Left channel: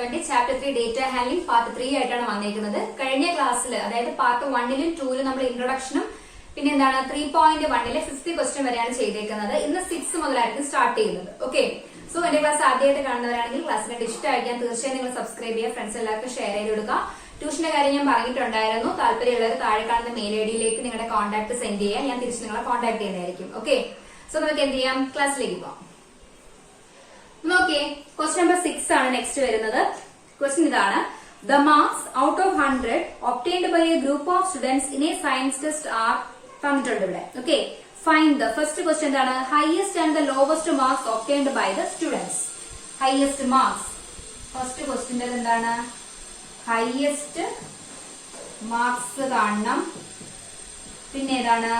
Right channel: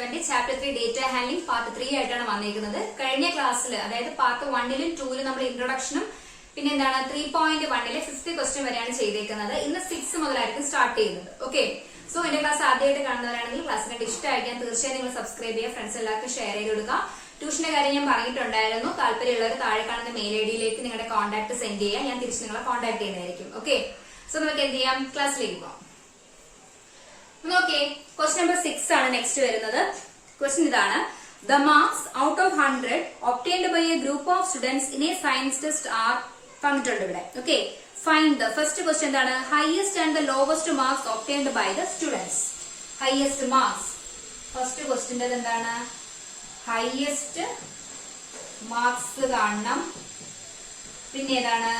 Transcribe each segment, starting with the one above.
സെവന്റെ chapter 3 data handling part 3 ആയിട്ടാണ് വന്നിരിക്കുന്നത്. കഴിഞ്ഞ ക്ലാസ്സിൽ അതായത് പാർട്ട് 1ലും 2ലും നമ്മൾ ഇൻട്രൊഡക്ഷനും പിന്നെ എന്താണ് 3.1ലെ 5th ക്വസ്റ്റ്യൻ വരെയാണ് ചെയ്തേക്കുന്നത്. ഇന്ന് 6 മുതലായിരിക്കും സ്റ്റാർട്ട് ചെയ്യുന്നത്. ഓക്കെ, സോ എന്റെ ക്ലാസ് ആദ്യമായിട്ട് കാണുന്നവരാണെങ്കിൽ ക്ലാസ് കണ്ട് ഇഷ്ടമായിരിക്കാൻ തീർച്ചയായും നിങ്ങൾ സബ്സ്ക്രൈബ് ചെയ്യുക, ഫ്രണ്ട്സ് എല്ലാവർക്കും ഷെയർ ചെയ്ത് കൊടുക്കുക. ട്യൂഷന്റെ കാര്യം ഞാൻ പറഞ്ഞിട്ടുണ്ടായിരുന്നു. താല്പര്യമുള്ളവർ താഴെ കാണുന്ന മെയിൽ ഐ ഡിയിലേക്ക് നിങ്ങളുടെ കോൺടാക്ട് സെൻഡ് ചെയ്യുക, ഞാൻ തിരിച്ച് നിങ്ങളെ കോൺടാക്ട് ചെയ്യുന്നതായിരിക്കും. ഓക്കെ, സോ നമുക്ക് എന്ത് ചെയ്യാം, ക്ലാസ്സിലേക്ക് പോകാം. നോക്കിയേ, ക്വസ്റ്റ്യൻ നമ്പർ 6 ആണ് നെക്സ്റ്റ് വരുന്നത്. ക്വസ്റ്റ്യൻ ഇതാണ്: the marks out of 100 obtained by a group of students in a science test are തന്നിട്ടുണ്ട് ഇവിടെ. Okay, find the first question എന്താണ്? Highest and the lowest marks obtained by the students. Highest marks first ക്വസ്റ്റ്യന്റെ എന്താണ്? Highest marks കാണണം, പിന്നെ ഏതാണ്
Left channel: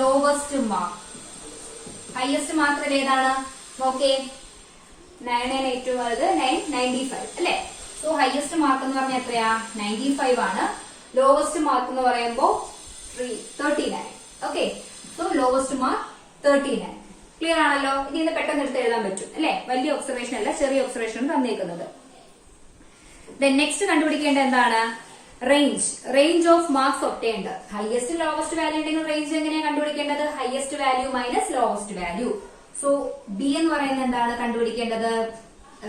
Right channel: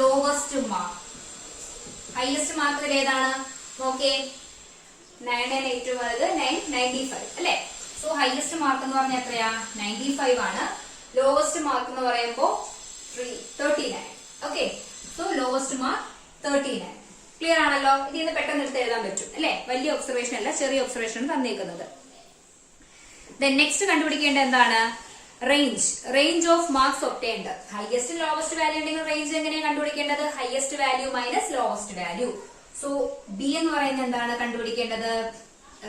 lowest mark. Highest mark ഏതാണ്? Okay, 9 വലുത് 995 അല്ലെ? സോ ഹൈയസ്റ്റ് മാർക്ക് എന്ന് പറഞ്ഞാൽ എത്രയാ? 95 ആണ്. ലോവസ്റ്റ് മാർക്ക് എന്ന് പറയുമ്പോ 39. Okay, so lowest mark 39. Clear ആണല്ലോ? ഇതിന് പെട്ടെന്ന് എടുത്ത് എഴുതാൻ പറ്റും അല്ലെ? വലിയ ഒബ്സർവേഷൻ അല്ല, ചെറിയ ഒബ്സർവേഷൻ തന്നേക്കുന്നത്. നെക്സ്റ്റ് കണ്ടുപിടിക്കേണ്ട എന്താണ്? Range of marks obtained. Highest lowest value ഉണ്ടെങ്കിൽ റേഞ്ച് എങ്ങനെയാണ് കണ്ടുപിടിക്കേണ്ടത്? Highest value minus lowest value. So B എന്ന് പറയുന്നത് എന്താണ് കണ്ടുപിടിക്കേണ്ടത്?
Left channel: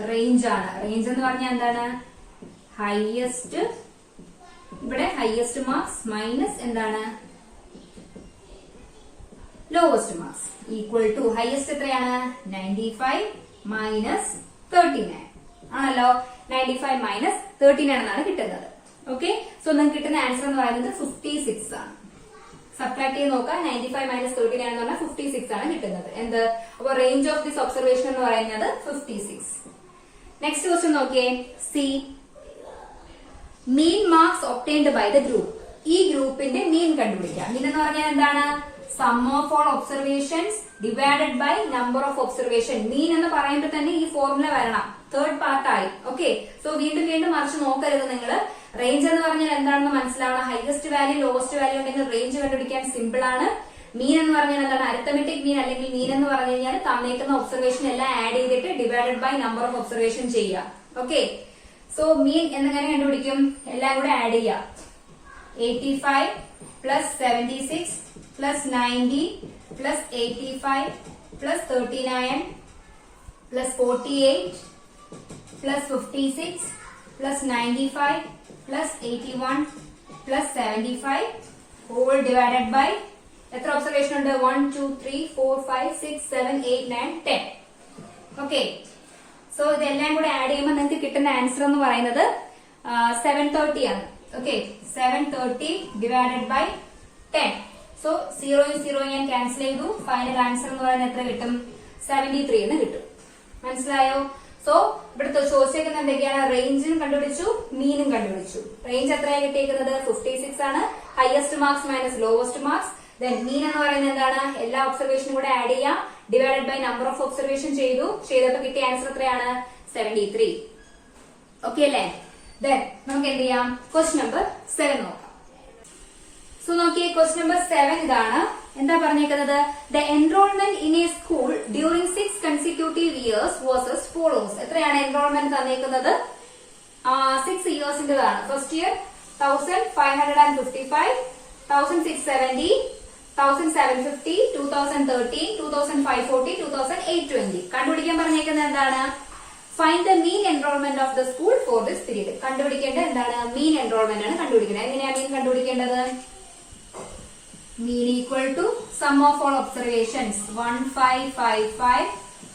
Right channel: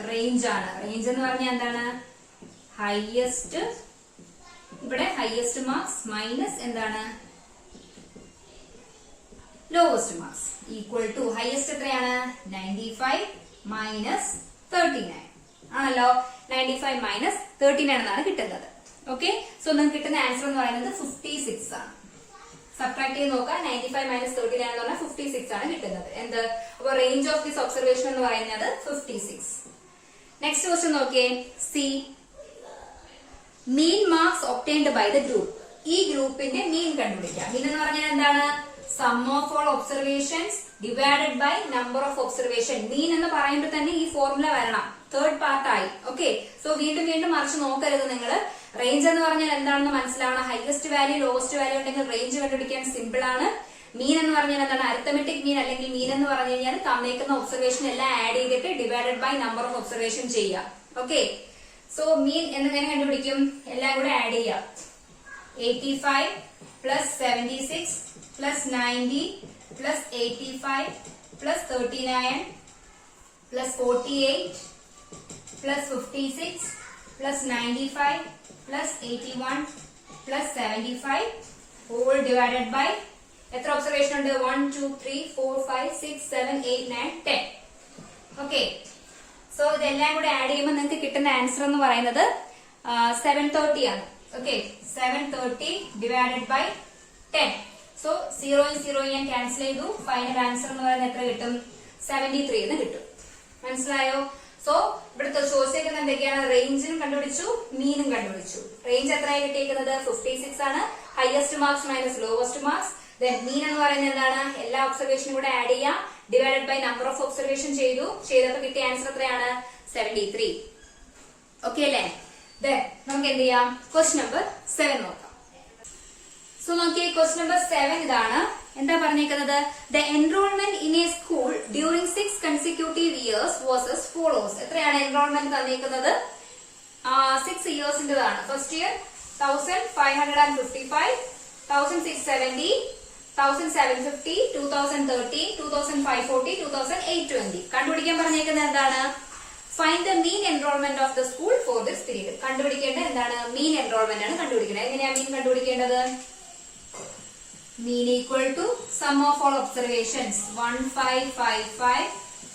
റേഞ്ച് ആണ്. റേഞ്ച് എന്ന് പറഞ്ഞാൽ എന്താണ്? ഹൈയസ്റ്റ്, ഇവിടെ ഹൈയസ്റ്റ് മാർക്സ് മൈനസ് എന്താണ്? Lowest marks equal to highest എത്രയാണ്? 95 മൈനസ് 39 ആണല്ലോ. 95 മൈനസ് 39 എന്നാണ് കിട്ടുന്നത്. ഓക്കെ, സോ നമുക്ക് കിട്ടുന്ന ആൻസർ എന്ന് പറയുന്നത് 56 ആണ്. സബ്ട്രാക്ട് ചെയ്ത് നോക്കാം. 95 മൈനസ് 39 എന്ന് പറഞ്ഞാൽ 56 ആണ് കിട്ടുന്നത്. എന്ത്? അപ്പൊ റേഞ്ച് ഓഫ് ദിസ് ഒബ്സർവേഷൻ എന്ന് പറയുന്നത് 56. നെക്സ്റ്റ് ക്വസ്റ്റ്യൻ നോക്കിയേ. C, mean marks obtained by the group. ഈ ഗ്രൂപ്പിന്റെ മീൻ കണ്ടുപിടിക്കാം. മീൻ എന്ന് പറഞ്ഞാൽ എന്താണ്? Sum of all observations divided by number of observation. Mean എന്ന് പറയുമ്പോൾ തന്നെ ഈ ഫോർമുല വരണം. തേർഡ് പാർട്ടായി. ഓക്കെ, സോ വീണ്ടും മറിച്ച് നോക്കരുത് നിങ്ങൾ. റേഞ്ച് എന്ന് പറഞ്ഞാൽ എന്താണെന്ന് മനസ്സിലാവണം. ഹൈയസ്റ്റ് വാല്യൂ ലോവസ്റ്റ് വാല്യൂ ഉണ്ടെങ്കിൽ റേഞ്ച് കണ്ടുപിടിക്കാൻ സിമ്പിൾ ആണ്. മീൻ എന്ന് പറഞ്ഞാൽ എന്താണ്? അരിത്തമെറ്റിക് മീൻ അല്ലെങ്കിൽ മീൻ എന്ന് പറഞ്ഞു കഴിഞ്ഞാൽ തന്നേക്കുന്ന ഒബ്സർവേഷൻ എല്ലാം ആഡ് ചെയ്തിട്ട് divided by number of observation ചെയ്യുക. ഓക്കെ, സോ മീൻ എന്നെങ്ങനെ കണ്ടുപിടിക്കും? എല്ലാം കൂടെ ആഡ് ചെയ്യാം. 85 plus 76 plus 90 plus 85 plus 39 plus 48 plus 56 plus 95 plus 81 plus 75 whole divided by എത്ര ഒബ്സർവേഷൻ ഉണ്ട്? 1 2 3 4 5 6 7 8 9 10. ഓക്കെ, സോ ഇതെല്ലാം കൂടെ ആഡ് ചെയ്യുമ്പോൾ നിങ്ങൾക്ക് കിട്ടുന്ന ആൻസർ എന്ന് പറയുന്നത് 730 ആണ്. Okay, 730 divided by 10. സോ 0 ഞാൻ ക്യാൻസൽ ചെയ്തു. ഫൈനൽ ആൻസർ എന്ന് പറയുന്നത് എത്ര കിട്ടും? 73 എന്ന് കിട്ടും. മനസ്സിലായോ? സോ ഇവിടുത്തെ ചോദിച്ചേക്കുന്നത് എന്തൊക്കെയാണ്? റേഞ്ചും കണ്ടുപിടിച്ചു, മീനും കണ്ടുപിടിച്ചു. റേഞ്ച് എത്രയാണ് കിട്ടിയിരിക്കുന്നത്? 56 ആണ്. Highest marks minus lowest marks. Then mean എന്ന് പറയുന്നത് എന്താണ്? എല്ലാ ഒബ്സർവേഷനും കൂടെ ആഡ് ചെയ്യാം. Divided by number of observation ചെയ്തപ്പോൾ കിട്ടിയ ആൻസർ എത്രയാണ്? 73. ഓക്കെ അല്ലേ? ദെൻ നമുക്ക് എന്ത് ചെയ്യാം? ക്വസ്റ്റ്യൻ നമ്പർ 7 നോക്കാം. സോ നോക്കിയേ, ക്വസ്റ്റ്യൻ നമ്പർ 7 ഇതാണ്. എന്താ പറഞ്ഞേക്കുന്നത്? The enrolment in a school during 6 consecutive years was as follows. എത്രയാണ് എൻറോൾമെന്റ് തന്നേക്കുന്നത്? 6 ഇയേഴ്സിന്റേതാണ്. First year 1555, 1670, 1750, 2013, 2540, 2820. കണ്ടുപിടിക്കാൻ പറഞ്ഞേക്കുന്നത് എന്താണ്? Find the mean enrolment of the school for this period. കണ്ടുപിടിക്കേണ്ടത് എന്താണ്? മീൻ എൻറോൾമെന്റ് ആണ് കണ്ടുപിടിക്കുന്നത്. എങ്ങനെയാ മീൻ കണ്ടുപിടിക്കേണ്ടത്? Mean equal to sum of all observations 1555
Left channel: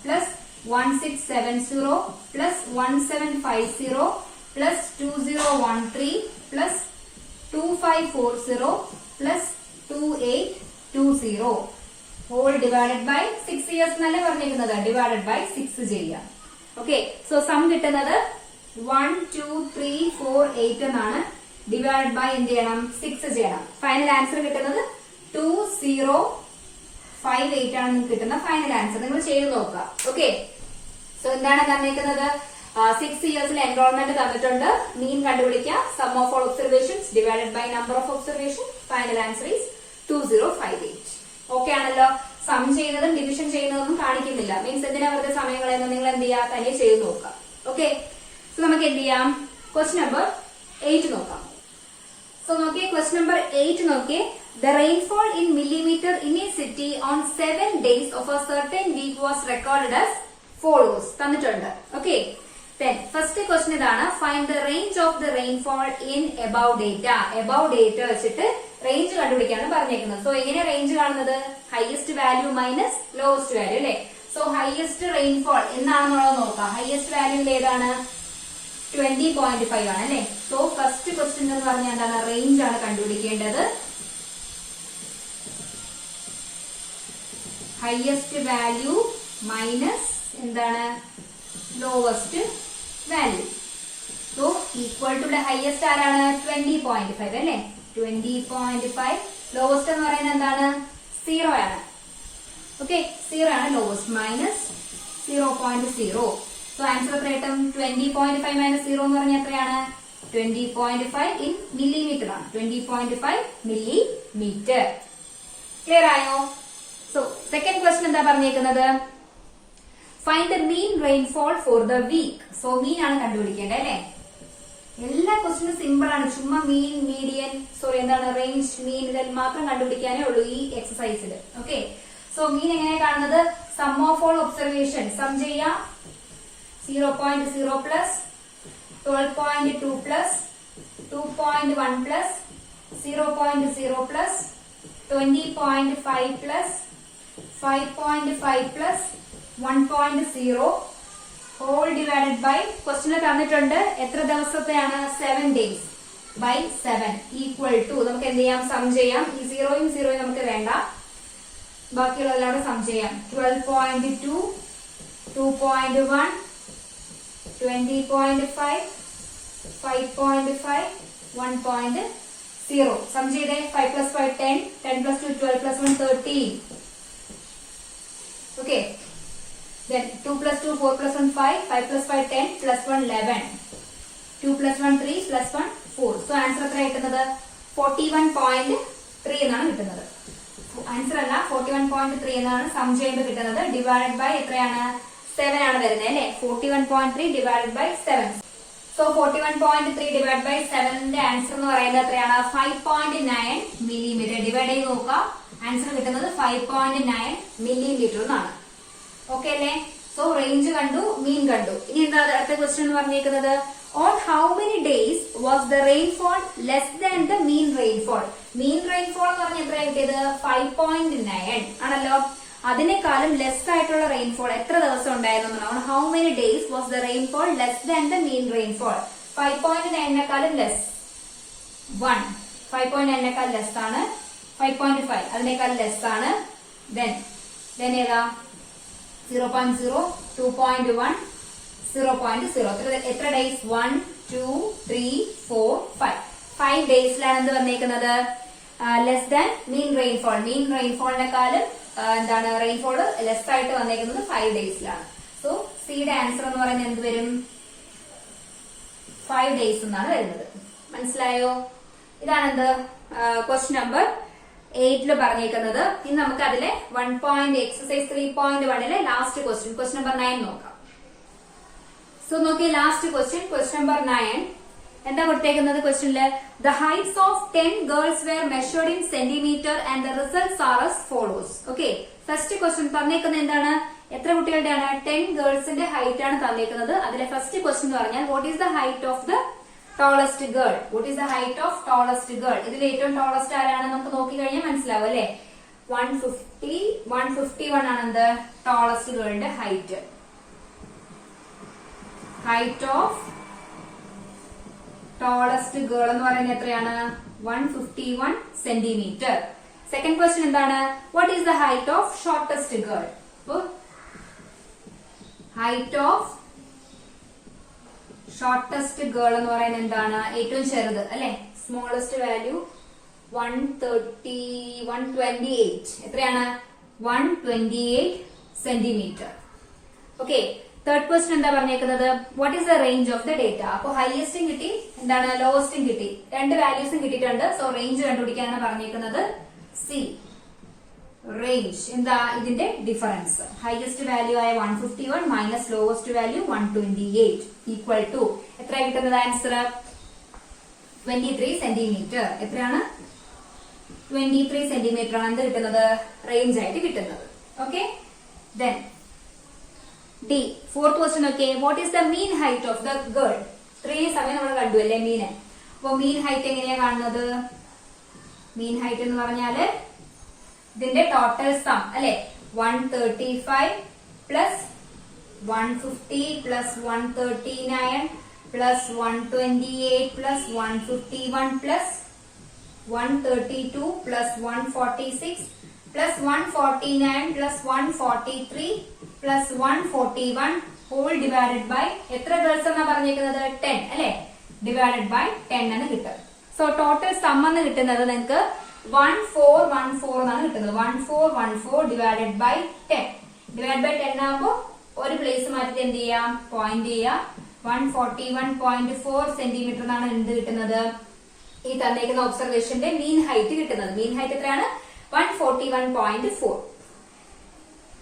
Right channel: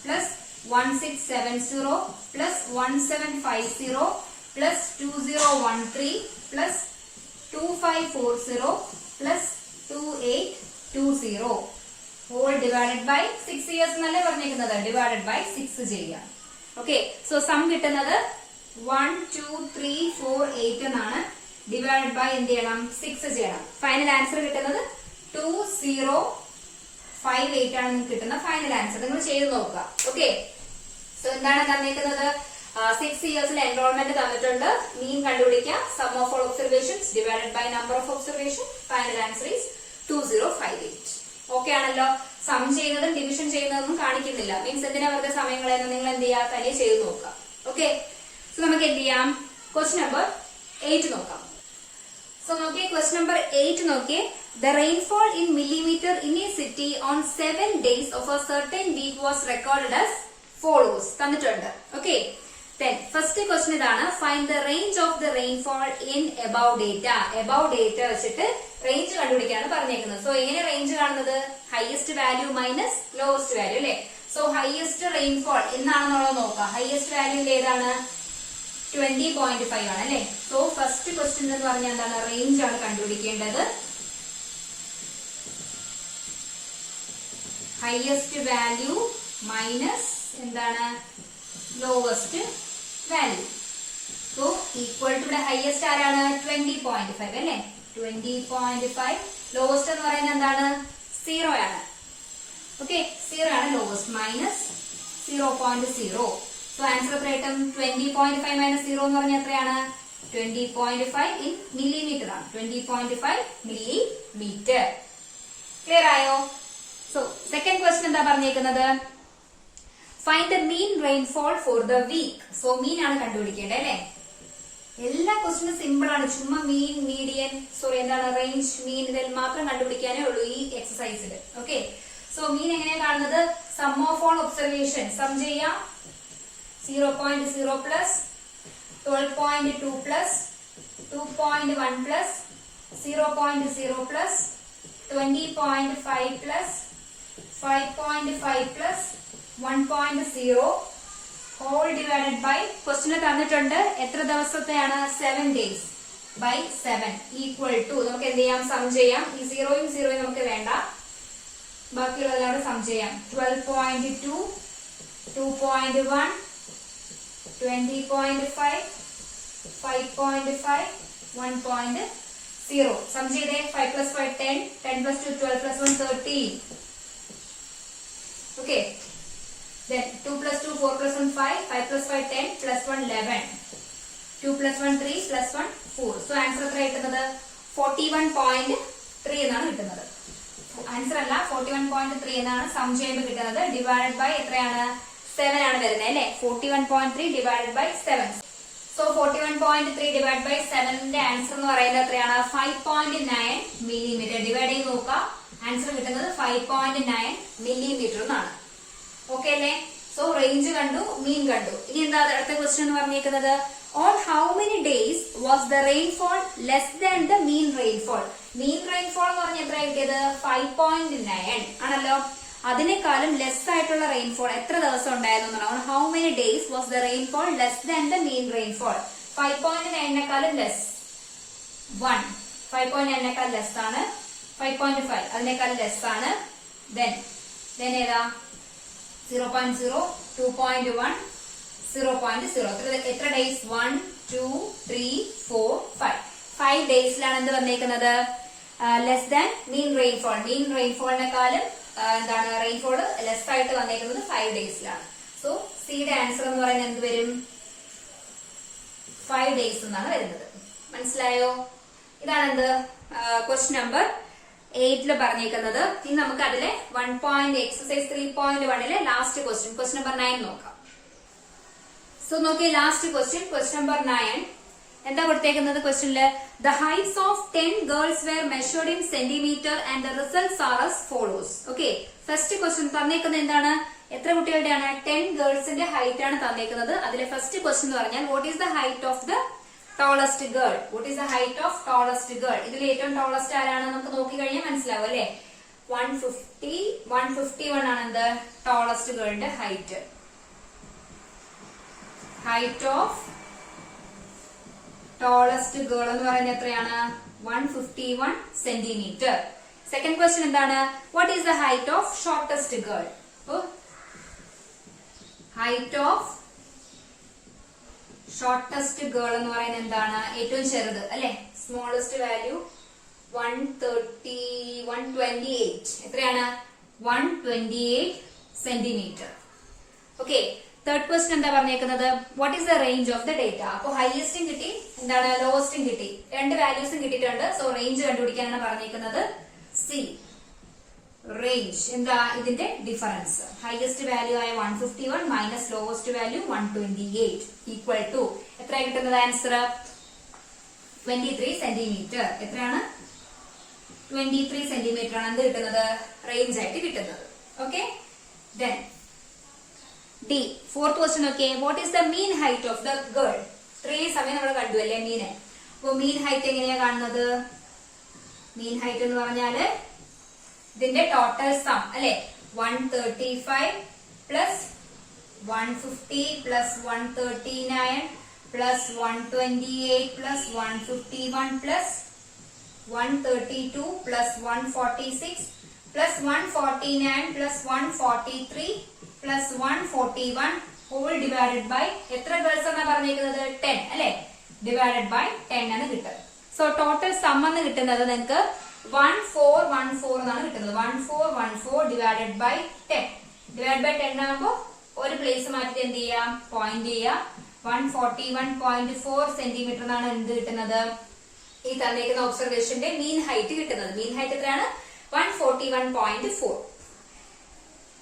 plus 1670 plus 1750 plus 2013 plus 2540 plus 2820 whole divided by 6 years എന്നല്ലേ പറഞ്ഞിരിക്കുന്നത്. divided by 6 ചെയ്യാം. ഓക്കെ, സോ സം കിട്ടുന്നത് 1 2 3 4 8 എന്നാണ്. ഡിവൈഡ് ബൈ എന്ത് ചെയ്യണം? 6 ചെയ്യണം. ഫൈനൽ ആൻസർ കിട്ടുന്നത് 2058 ആണ് നിങ്ങൾക്ക് കിട്ടുന്ന ഫൈനൽ ആൻസർ. നിങ്ങൾ ചെയ്ത് നോക്കുക. ഓക്കെ, സോ എന്താണ് തന്നിരിക്കുന്നത്? 6 ഇയേഴ്സിൽ എൻറോൾമെന്റ് തന്നിട്ടുണ്ട്. മീൻ കണ്ടുപിടിക്കുക. Sum of all observations divided by number of observation. Final answer is 2058. Okay ആണല്ലോ? സം ചെയ്യുന്നതും ഡിവിഷൻ ചെയ്യുന്നതൊന്നും കാണിക്കുന്നില്ല. മീൻസ് എന്തിനാ വെറുതെ സമയം കളയുന്നത്? നിങ്ങൾ എന്ത് ചെയ്യുക? തനിയെ ചെയ്ത് നോക്കുക. ഓക്കെ. സോ നമുക്ക് എന്ത് ചെയ്യാം, ക്വസ്റ്റ്യൻ നമ്പർ 8 നോക്കാം. സോ നോക്കിയേ, ക്വസ്റ്റ്യൻ നമ്പർ 8 നോക്കിയേ. The rainfall in millimeter in a city on 7 days of a certain week was recorded as follows. തന്നിട്ടുണ്ട്. Okay. Then first question ഇതാണ്, find the range of the rainfall in above data. Above data വെച്ചിട്ട് range കണ്ടുപിടിക്കാനാണ് പറഞ്ഞേക്കുന്നത്. So എങ്ങനെ range കാണുന്നത്? highest value minus lowest value അല്ലെ. So highest rainfall എന്നാണെന്നുള്ളത് നോക്കാം. highest value ഏതാണ്? 20.5 ആണ് അല്ലെ. സോ ഫസ്റ്റ് ക്വസ്റ്റ്യൻ എന്ന് പറഞ്ഞാൽ എന്താണ്, റേഞ്ച് ആണ് കണ്ടുപിടിക്കേണ്ടത്. ഹയസ്റ്റ് വാല്യൂ മൈനസ് എന്താണ്, lowest value. So equal to highest ആരാണ്, 20.5 അല്ലെ. 20.5. ലോവസ്റ്റ് എന്ന് പറയുന്നത് എന്താണ്, 0 ആണ്. ഓക്കെ, 0 ആണ് ലോവസ്റ്റ്, മൈനസ് 0.0. സോ ആൻസർ എത്ര കിട്ടും, 20.5 മൈനസ് 0 എന്ന് പറഞ്ഞാൽ എത്രയാണ്, 20.5 ഇൻ മില്ലിമീറ്റർ ആണ്. 20.5 മില്ലിമീറ്റർ. ക്ലിയർ ആയോ? സോ സെക്കൻഡ് ക്വസ്റ്റ്യൻ എന്താ പറഞ്ഞേക്കുന്നത്, find the mean rainfall for the week. So mean ആണ് കണ്ടുപിടിക്കേണ്ടത് അല്ലെ. എല്ലാ ക്വസ്റ്റ്യനും സിമ്പിൾ ആണ്, ചുമ്മാ മീൻ, മീഡിയൻ, എന്താണ്, റേഞ്ച്, മീൻ ഇതിൽ മാത്രം കണ്ടുപിടിക്കാനേ ഉള്ളൂ ഈ എക്സസൈസിൽ. ഓക്കെ. സോ മീൻ എങ്ങനെയാ കാണുന്നത്, sum of all observation sum ചെയ്യാം. 0.0 plus 12.2 plus 2.1 plus 0.0 plus 20.5 plus 5.5 plus 1.0 whole divided by ക്വസ്റ്റ്യനിൽ തന്നിട്ടുണ്ട് എത്ര ദിവസത്തെയാണ്, 7 days ബൈ 7 ഈക്വൽ ടു, നമുക്ക് എന്ത് ചെയ്യാം, സം ചെയ്യാം. ഈ 0യും 0യും നമുക്ക് വേണ്ട, ബാക്കിയുള്ള എല്ലാവരും സം ചെയ്യാം. 12.2 2.1 20.5 5.5 1.0 സം ചെയ്തേ. 5 plus 5 10 10 plus 2 12 plus 1 13. Okay. Then 2 plus 2 4 plus 1 5 5 plus 5 10 plus 1 11 2 plus 1 3 plus 1 4. So answer എത്ര കിട്ടുന്നത്, 41.3 എന്നാണ് കിട്ടുന്നത്. ആൻസർ അല്ല, 41.3 എന്നാണ് സം ചെയ്യുമ്പോൾ കിട്ടുന്നത്. ഡിവൈഡഡ് ബൈ എത്രയാണ്, 7 ആണ് വരുന്നത് അല്ലെ. 41.3 divided by 7. So 41.3 divide by 7ന്റെ ആൻസർ എന്ന് പറയുന്നത് എത്രയാണ്, 5.9 മില്ലിമീറ്റർ. ഡിവൈഡ് ചെയ്ത് നോക്കാം, ആൻസർ കിട്ടുന്നത് 5.9 മില്ലിമീറ്റർ എന്നാണ്. ഓക്കെ അല്ലേ. സോ റേഞ്ച് കണ്ടു, മീൻ കണ്ടു. ഇനി എന്താ അടുത്ത ക്വസ്റ്റ്യൻ എന്ന് പറഞ്ഞിരിക്കുന്നത്, on how many days was the rainfall less than the mean rainfall. Mean rainfall എന്ന് പറഞ്ഞാൽ എത്ര കിട്ടിയത്, 5.9 ആണല്ലോ. അതിനേക്കാളും ലെസ് ആയിട്ടുള്ള റെയിൻഫോൾ എത്ര ദിവസം ഉണ്ടായിരുന്നു. On how many days was the rainfall less than the mean rainfall. 5.9 less 1, 5.9 less ആണ്. 5.5 അതിനേക്കാൾ ലെസ് ആണ്. ദെൻ ഏതാ, 0.0 2.1 0.0. എത്ര ഡേയ്സ്, 1 2 3 4 5 ഡേയ്സിലാണ് എന്ത് വന്നേക്കുന്നത്, ലെസ് ദാൻ മീൻ റെയിൻഫോൾ. മീൻ റെയിൻഫോളിനെക്കാളും എന്താണ്, റെയിൻഫോൾ ലെസ് ആയിട്ട് വന്നേക്കുന്നത് 5 ഡേയ്സിലാണ്. സോ സിയുടെ ആൻസർ എന്ന് പറയുന്നത് എന്ത് വരും, 5 ഡേയ്സ് എന്നാണ് വരുന്നത്. മനസ്സിലായോ? ഇതാണ് എന്ത് ക്വസ്റ്റ്യൻ നമ്പർ 8 പറഞ്ഞേക്കുന്നത്. ഇനി നമുക്ക് അതിലെ 1 എക്സസൈസ് 3.1 ലാസ്റ്റ് ക്വസ്റ്റ്യൻ നമ്പർ 9 നോക്കാം. സോ നോക്കിയേ, ലാസ്റ്റ് ക്വസ്റ്റ്യൻ നമ്പർ 9 എന്താ കൊടുത്തേക്കുന്നത് ക്വസ്റ്റ്യനില്, the heights of 10 girls were measured in centimetre and the results are as follows. Okay, first question തന്നേക്കുന്നത് എന്താണ്, എത്ര കുട്ടികളുടെയാണ്, 10 ഗേൾസിന്റെ ഹൈറ്റ് ആണ് തന്നേക്കുന്നത്. അതിലെ ഫസ്റ്റ് ക്വസ്റ്റ്യൻ എന്ന് പറഞ്ഞാൽ what is the height of the tallest girl. What is the height of tallest girl. ഇതിൽ ഏറ്റവും tallest ആരാണ് നമുക്ക് നോക്കി കഴിഞ്ഞാൽ മനസ്സിലാവും അല്ലെ. 151 ആണ് എന്ത്, ടോളസ്റ്റ് ഗേളിന്റെ height. Height of tallest girl എന്ന് പറയുന്നത് എത്രയാണ്, 151 സെന്റിമീറ്റർ. സെക്കൻഡ് ക്വസ്റ്റ്യൻ എന്താണ്, what is the height of shortest girl. Height of shortest girl എന്ന് പറയുന്നത് എന്താണ്, ഏറ്റവും ചെറുത് അല്ലെ, സ്മോളസ്റ്റ് വാല്യൂ 128. എത്രയാണ്, 128 സെന്റിമീറ്റർ. ഓക്കെ, തേർഡ് ക്വസ്റ്റ്യൻ എന്താ പറഞ്ഞേക്കുന്നത്, what is the range of the data. അപ്പൊ ഹയസ്റ്റും കിട്ടി, എന്താണ് ലോവസ്റ്റും കിട്ടി, രണ്ട് വാല്യൂസും കിട്ടിയിട്ടുണ്ട്. സോ റേഞ്ച് കണ്ടുപിടിക്കാനാണ് പറഞ്ഞേക്കുന്നത്. സി റേഞ്ച് എന്താ ഇതിന്റെ ഡിഫറൻസ്. ഹയസ്റ്റ് വാല്യൂ ആയ 151 minus lowest value 128 equal to എത്ര കിട്ടുന്നത് ആൻസർ 23 സെന്റിമീറ്റർ. എത്രയാണ് 23 സെന്റിമീറ്റർ ആണ് എന്ത് കിട്ടുന്നത് റേഞ്ച് ആയിട്ട് കിട്ടുന്നത്. Okay then D fourth question. Okay what is the mean height of the girl. ഇത്രയും സമയം നമ്മൾ കണ്ടു അല്ലേ മീന്. അപ്പൊ മീൻ ഹൈറ്റ് എങ്ങനെയാ കാണുന്നത്? മീൻ ഹൈറ്റ് എന്ന് പറഞ്ഞാല് ഇതിന്റെ ടോട്ടൽ സം അല്ലെ 135 plus 150 plus 139 plus 128 plus 151 plus 132 plus 146 plus 149 plus 143 plus 141 whole divided by എത്ര ഗേൾസ് എന്നാ പറഞ്ഞേക്കുന്നത് 10 അല്ലെ ഡിവൈഡഡ് ബൈ 10 ആണ് കിട്ടുക. സോ ടോട്ടൽ സം എന്ന് കിട്ടുന്നത് നിങ്ങൾക്ക് 1414 എന്നാണ് കിട്ടുന്നത്. 1414 ഡിവൈഡഡ് ബൈ 10 ഡിവൈഡ് ബൈ 10 ആകുമ്പോൾ ഒരു പ്ലേസ് മാറ്റിട്ട് എന്ത് ചെയ്യാം പോയിന്റ് ചെയ്യാം. 141.4 സെന്റിമീറ്റർ എന്നാണ് എന്ത് കിട്ടുന്നത് ഈ തന്നേക്കുന്ന ഒബ്സർവേഷന്റെ മീൻ ഹൈറ്റ് കിട്ടുന്നത്. മീൻ ഹൈറ്റ് എത്രയാണ് 141.4.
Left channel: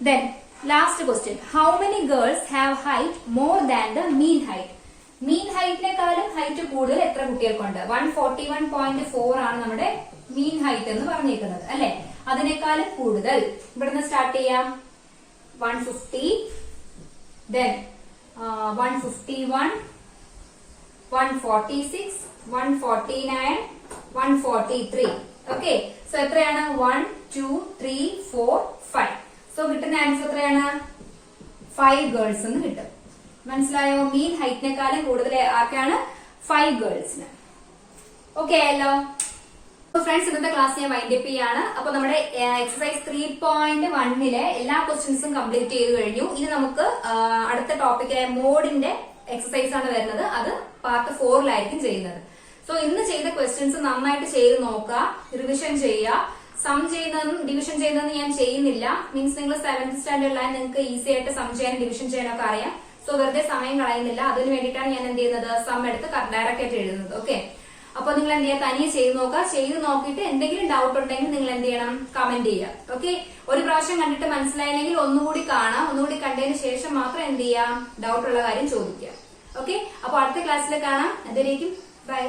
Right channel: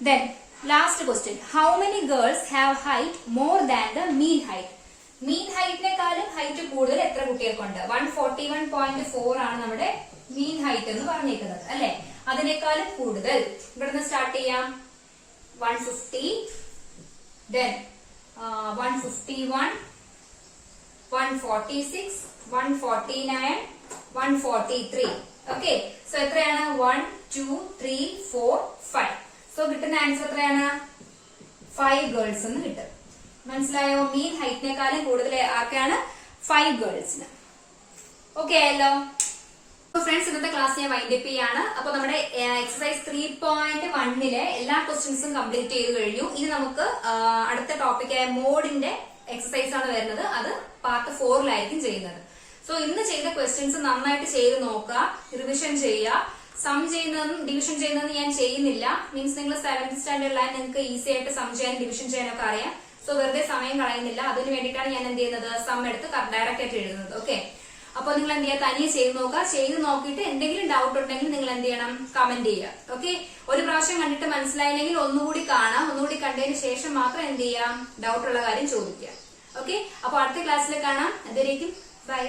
Then last question, how many girls have height more than the mean height? Mean ഹൈറ്റിനെക്കാളും ഹൈറ്റ് കൂടുതൽ എത്ര കുട്ടികൾക്കുണ്ട്? 141.4 ആണ് നമ്മുടെ മീൻ ഹൈറ്റ് എന്ന് പറഞ്ഞേക്കുന്നത് അല്ലെ. അതിനേക്കാളും കൂടുതൽ ഇവിടുന്ന് സ്റ്റാർട്ട് ചെയ്യാം. 150 then 151 146 149 143. ഓക്കെ സോ എത്രയാണ് 1 2 3 4 5. സോ കിട്ടുന്ന ആൻസർ എത്രയാണ് 5 ഗേൾസ് എന്ന് കിട്ടും. മനസ്സിലായോ? മീൻ ഹൈറ്റിനെക്കാളും കൂടുതൽ ആർക്കാണ് 5 ഗേൾസിന്. ഓക്കെ ആയല്ലോ. ഫ്രണ്ട്സ് ഇന്നത്തെ ക്ലാസ് ഞാൻ വൈൻഡപ്പ് ചെയ്യാണ്. അപ്പൊ നമ്മുടെ എക്സസൈസ് 3.1 എല്ലാ ക്വസ്റ്റ്യൻസും കംപ്ലീറ്റ് ചെയ്ത് കഴിഞ്ഞു. ഇനി നമുക്ക് അടുത്ത ടോപ്പിക്കായ മോഡിന്റെ എക്സസൈസ് ആണ് വരുന്നത്. അത് പാർട്ട് 4ലായിരിക്കും ചെയ്യുന്നത്. സോ ഇന്ന് ചെയ്ത ക്വസ്റ്റ്യൻസ് നന്നായിട്ട് ചെയ്ത് നോക്കുക, റിവിഷൻ ചെയ്യുക. സം ചെയ്യുന്നതും ഡിവിഷൻ ചെയ്യുന്നതും ഞാൻ ചെയ്യുന്നില്ല. മീൻസ് നിങ്ങൾ 7th സ്റ്റാൻഡേർഡിലായി നിങ്ങൾക്ക് ഈസി ആയിട്ട് സം ചെയ്യാനും ഡിവിഷൻ ചെയ്യാനൊക്കെ അറിയാം. സോ വെറുതെ സമയം കളയുന്നില്ല. അതിന് വേണ്ടിയിട്ടാണ് ഞാൻ എന്ത് ചെയ്യുന്നത് സം എടുത്ത് ഡയറക്റ്റ് ആയിട്ട് എഴുതുന്നത്. ഓക്കെ അപ്പൊ നിങ്ങൾ എന്ത് ചെയ്യുക തനിയെ ചെയ്ത് നോക്കുക. ചെയ്ത് നോക്കിയിട്ട് എന്തെങ്കിലും ഡൗട്ട് ഉണ്ടെങ്കിൽ നിങ്ങൾ എന്ത് ചെയ്യണം കമന്റ് ചെയ്യുക. ഓക്കെ ഒരു പ്രാവശ്യം കണ്ടിട്ട് മനസ്സിലായില്ലെങ്കിൽ ഒന്നുകൂടി കാണാം. ഒന്നുകൂടി കണ്ടതിന് ശേഷം മാത്രം എന്ത് ചെയ്യാം ഡൗട്ട് ഉള്ള കാര്യം ചോദിക്കുക. ഓക്കെ അപ്പൊ അടുത്ത ക്ലാസ്സിൽ കാണാം. അതുവരേക്കും ബൈ.